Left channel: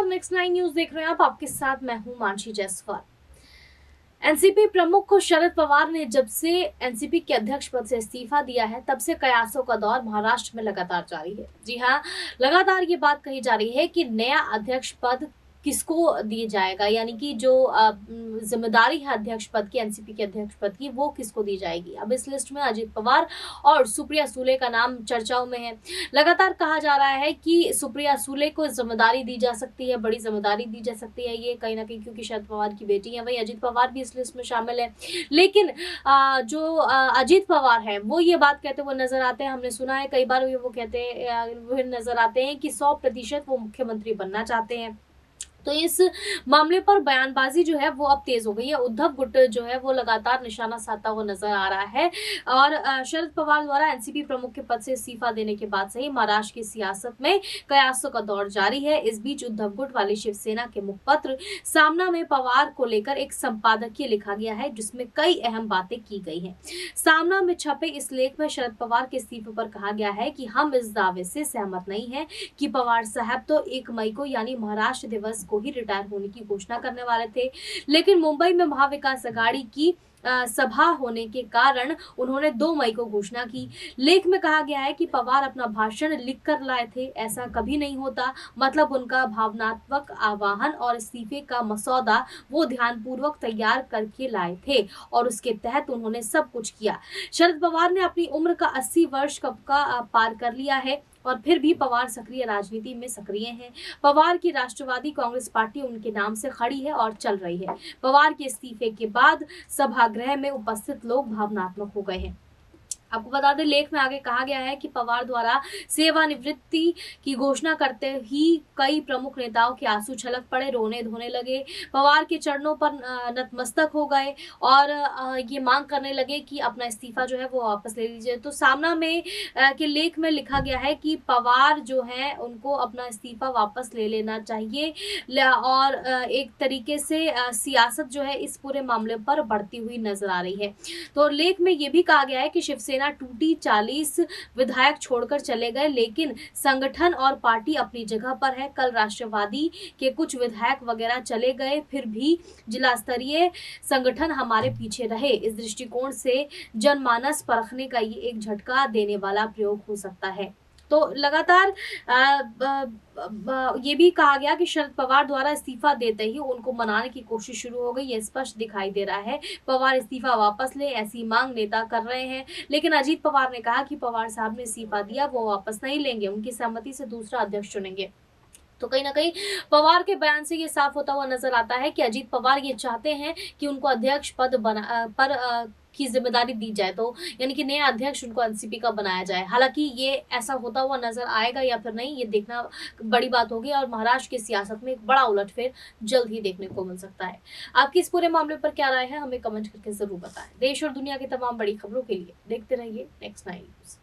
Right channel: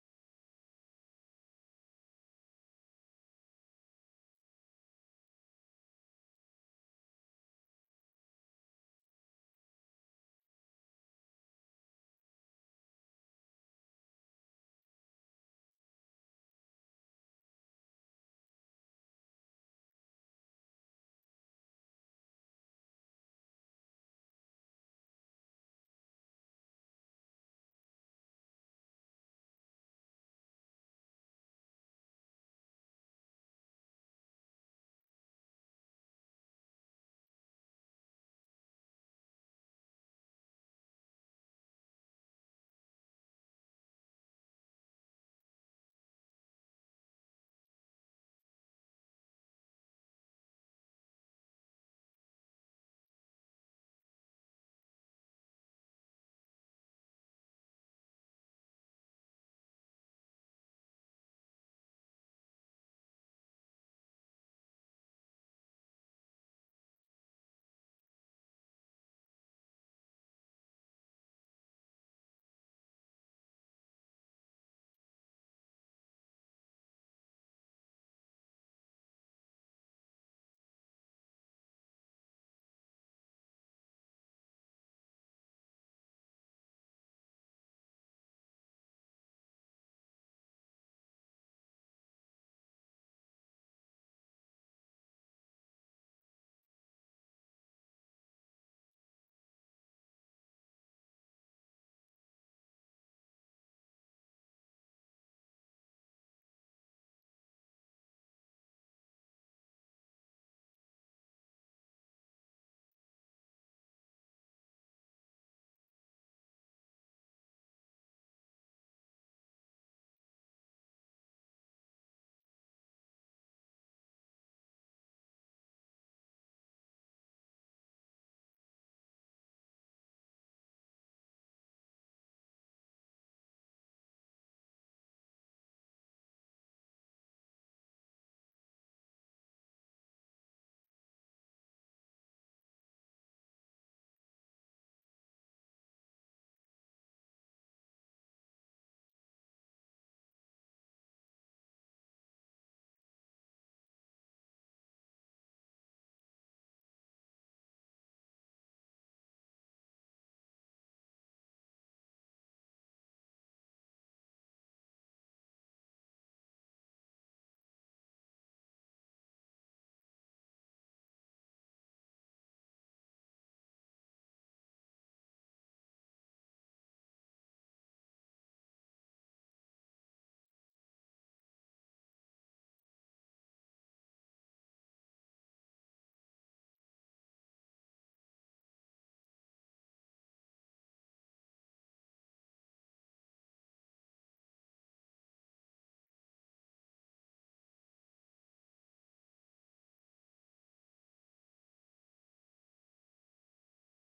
नमस्कार, next 9 news देख रहे हैं आप। आपके साथ मैं हूं मानसी जायसवाल। एनसीपी प्रमुख शरद पवार ने जब से एनसीपी के अध्यक्ष पद से इस्तीफा दिया है, तब से कयासों का दौर महाराष्ट्र में लगातार जारी है। जी हां, लगातार ये बात कही जा रही है कि नया अध्यक्ष पद किसको दिया जाएगा, यानी कि जो जिम्मेदारी है अध्यक्ष पद की, एनसीपी के अध्यक्ष पद की, वो किसको दी जाएगी। अब इस लिस्ट में अजित पवार और सुप्रिया सुले का नाम चर्चाओं में है। लगातार कहा जा रहा है कि सुप्रिया सुले को जिम्मेदारी दी जा सकती है, बड़ी जिम्मेदारी दी जा सकती है, ये कहीं ना कहीं क्योंकि शरद पवार की बेटी है। वही अजित पवार भी इस लिस्ट में शामिल है। लेकिन जो अजित पवार है वो ये बात कहते हुए नजर आते हैं, हमने सुना है कई बार वो कहते हुए नजर आते हैं कि 100% वो मुख्यमंत्री बनना चाहते हैं। तो इस मामले पर बयानबाजी जो है वो अब तेज हो गई है। उद्धव गुट जो है वो लगातार निशाना साधता हुआ नजर आ रहा है और शरद पवार द्वारा एनसीपी प्रमुख के पद से इस्तीफा देने के बाद से ही महाराष्ट्र की सियासत में कयासों का दौर जारी है। इस बीच उद्धव गुट वाली शिवसेना के मुखपत्र सामना में पवार को लेकर एक संपादकीय लिखा गया है, जिसमें कई अहम बातें की गई हैं। सामना में छपे इस लेख में शरद पवार के इस्तीफे पर कहा गया है कि हम इस दावे से सहमत नहीं है कि पवार साहब तो 1 मई को यानी महाराष्ट्र दिवस को ही रिटायर होने की घोषणा करने वाले थे, लेकिन मुंबई में महाविकास अघाड़ी की सभा होने के कारण उन्होंने 2 मई को घोषणा की। लेख में कहा गया है कि पवार अपना भाषण लिख कर लाए थे, ऐसा कभी नहीं होता। मतलब उनका भावनात्मक आह्वान और इस्तीफे का मसौदा वो ध्यानपूर्वक तैयार करके लाए थे और उसके तहत उन्होंने सब कुछ किया। शरद पवार ने अपनी उम्र का 80 वर्ष का पार कर लिया है और फिर भी पवार सक्रिय राजनीति में सक्रिय हैं। पवार की राष्ट्रवादी कांग्रेस पार्टी उनके नाम से खड़ी है और चल रही है। पवार के इस्तीफे के बाद सभागृह में उपस्थित लोग भावनात्मक हो गए हैं। आपको बता दें, लेख में आगे कहा गया है कि पवार द्वारा सेवानिवृत्ति की घोषणा करते ही कई प्रमुख नेताओं के आंसू छलक पड़े, रोने धोने लगे, पवार के चरणों पर नतमस्तक हो गए और ये मांग करने लगे कि अपना इस्तीफा जो है वो वापस ले लीजिए। तो सामना में के लेख में लिखा गया है कि पवार जो है उनको अपना इस्तीफा वापस ले लेना चाहिए और एक तरीके से सियासत जो है इस पूरे मामले पर बढ़ती हुई नजर आ रही है। तो लेख में ये भी कहा गया है कि शिवसेना टूटी, 40 विधायक छोड़कर चले गए, लेकिन संगठन और पार्टी अपनी जगह पर है। कल राष्ट्रवादी के कुछ विधायक वगैरह चले गए, फिर भी जिला स्तरीय संगठन हमारे पीछे रहे। इस दृष्टिकोण से जनमानस परखने का ये एक झटका देने वाला प्रयोग हो सकता है। तो लगातार ये भी कहा गया कि शरद पवार द्वारा इस्तीफा देते ही उनको मनाने की कोशिश शुरू हो गई। ये स्पष्ट दिखाई दे रहा है पवार इस्तीफा वापस ले, ऐसी मांग नेता कर रहे हैं। लेकिन अजीत पवार ने कहा कि पवार साहब ने इस्तीफा दिया, वो वापस नहीं लेंगे, उनकी सहमति से दूसरा अध्यक्ष चुनेंगे। तो कहीं ना कहीं पवार के बयान से ये साफ होता हुआ नजर आता है कि अजीत पवार ये चाहते हैं कि उनको अध्यक्ष पद की जिम्मेदारी दी जाए, तो यानी कि नया अध्यक्ष उनको एनसीपी का बनाया जाए। हालांकि ये ऐसा होता हुआ नजर आएगा या फिर नहीं, ये देखना बड़ी बात होगी और महाराष्ट्र की सियासत में एक बड़ा उलटफेर जल्द ही देखने को मिल सकता है। आपकी इस पूरे मामले पर क्या राय है, हमें कमेंट करके जरूर बताएं। देश और दुनिया की तमाम बड़ी खबरों के लिए देखते रहिए नेक्स्ट 9 न्यूज।